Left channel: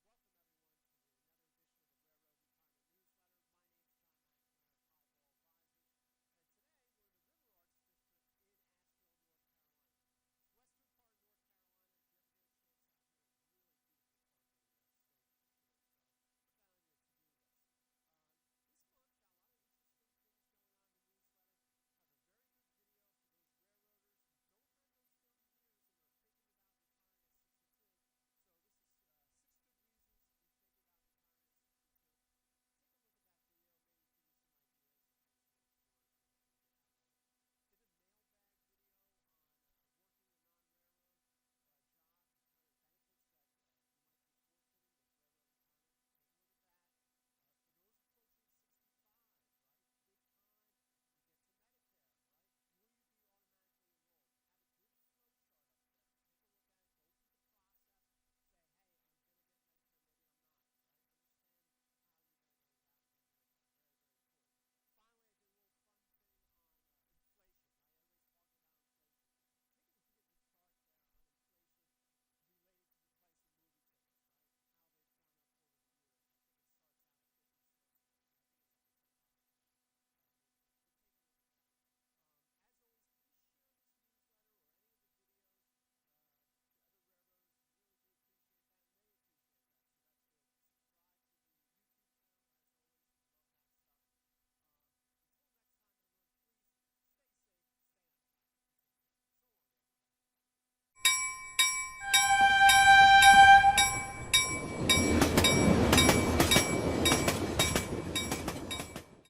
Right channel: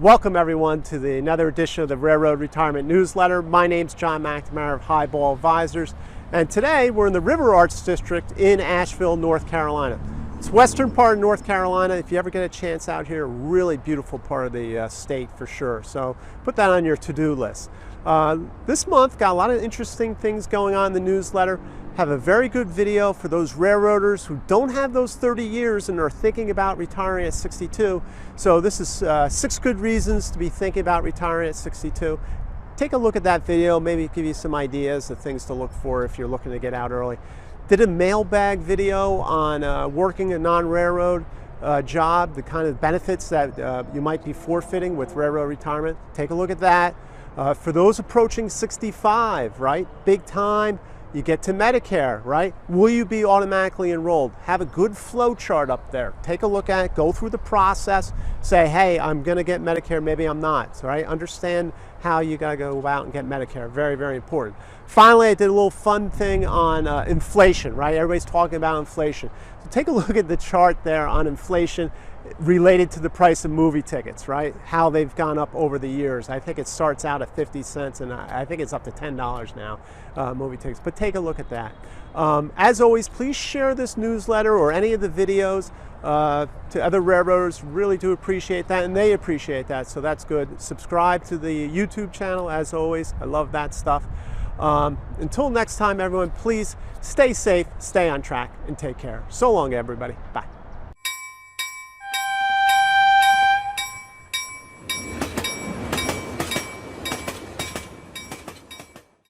Welcome everyone to another edition of the Railroad Retirement Newsletter. My name's John McNamara of Highball Advisors, and today we're in the River Arts District in Asheville, North Carolina. It's western part of North Carolina. If you ever get a chance out here, really beautiful part of the state for sure. So put that on your to-do list. This month got a lot of interesting things going on in the newsletter. Have a very good video for those railroaders who don't have those 30 years and are thinking about retiring at 62. So this is 6 good reasons to be thinking about retiring at 62. Take a look at that video, maybe give you some ideas of things to look for if you're looking to get out early. Did a mailbag video on working a non-railroad job, the kind of benefits that you might be forfeiting with railroad retirement. Take a look at that. For those approaching 65, right, big time, you get to Medicare, right? Will you be automatically enrolled? Have a good flow chart up there. Take a look at it, go through the process, say, hey, I'm gonna get Medicare, maybe I'm not, right? Understand how you gotta go out and get Medicare, very, very important. Finally, I did a little fun thing on inflation, right? Everybody's talking about inflation. So take a look at the chart there on inflation related to the price of movie tickets, right? How they've gone up over the years. I think it starts out at 50 cents and I think it's up to $10 now, movie tickets, but take a look at that. As always, please share this newsletter or any of the videos to other railroaders. Really do appreciate that, and they appreciate that, so that's good. Subscribe to the YouTube channel, as always. I love that stuff. Until next time, everyone, please stay safe, stay on track, and take care. So long, everybody. Bye.